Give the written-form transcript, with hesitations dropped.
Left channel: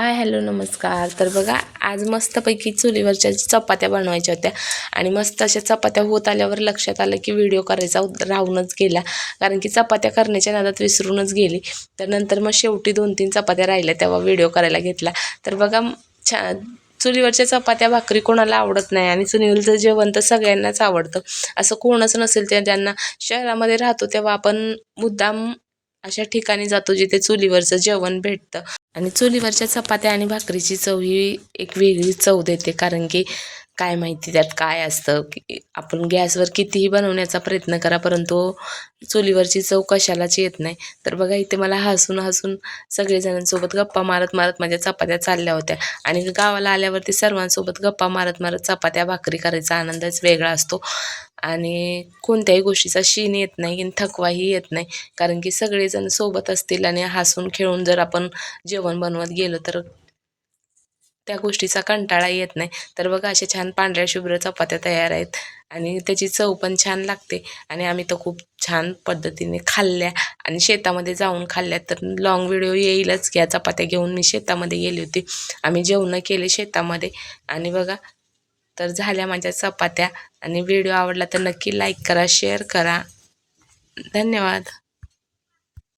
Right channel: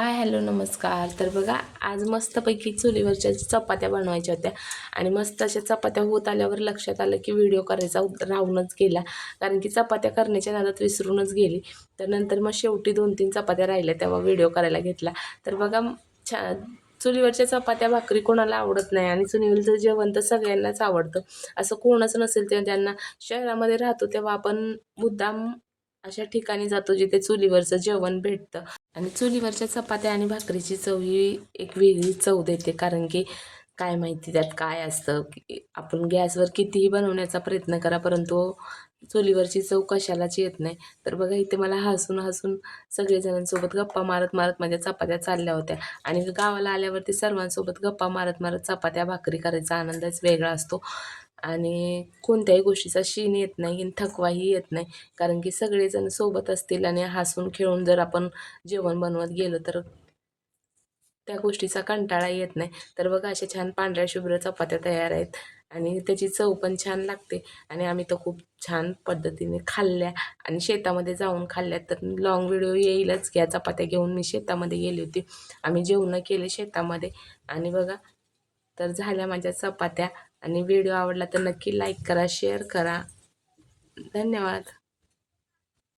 Hi hello नमस्कार. तर बघा आज मस्तपैकी चुलीवरच्या चपात्या बनवायच्या होत्या आणि मस्त अशा चपात्या होत आल्यावर लक्षात आलं की व्हिडिओ करायचा राहूनच गेला, कारण की चपात्या करण्याच्या नादात विसरूनच गेली. तर नंतर मग शेवटी 2-3 चपात्या राहिल्या तेव्हा व्हिडिओ करायला घेतला. तर बघा चुलीवरच्या चपात्या भाकरी कोणाला आवडत नाही आणि चुलीवरचं जेवण तर सगळ्यांनाच आवडतं. असं कोणच नसेल ते ज्यांना. शहरामध्ये राहतो तेव्हा आपण मुद्दाम अशा ठिकाणी जातो जिथे चुलीवरचं जेवण भेटतं आणि चुलीवरच्या चपात्या आणि भाकरीची चव ही एक वेगळी चव देते. कारण की काय माहिती त्यात काय असतं, की आपण गॅसवर कितीही बनवण्याचा प्रयत्न करा परंतु चुलीवरची चव कशालाच येत नाही. तर बघा इथे मला हसून हसून सगळेजणांसोबत गप्पा मारत मारत माझ्या चपात्या चालल्या होत्या आणि गावाला आल्यावरती सर्वांसोबत गप्पा मारत मारत चपात्या भाकरी करायचा आनंदच वेगळा असतो आणि कोणत्याही गोष्टीचा शीण येत नाही आणि थकवाही येत नाही. कारण की सगळेजण सोबत असतील आणि हसून खेळून जर आपण जेवण बनवत गेलो तर त्या गोष्टीचा कंटाळा येत नाही. तर बघा अशा छान पांढऱ्या शुभ्र चपात्या तयार आहेत आणि त्याची चव पण छान लागते आणि आम्ही तर खूप छान पद्धतीने खाल्ल्या आणि शेतामध्ये जाऊन खाल्ल्या. तर लाँग व्हिडिओ येईलच. या चपात्या घेऊन मी शेतामध्ये गेली होती. आम्ही जेवणं केले शेतामध्ये आणि बघा तर झाल्या माझ्या चपात्या आणि व्हिडिओ आवडला तर नक्की लाईक करा, शेअर करा. धन्यवाद.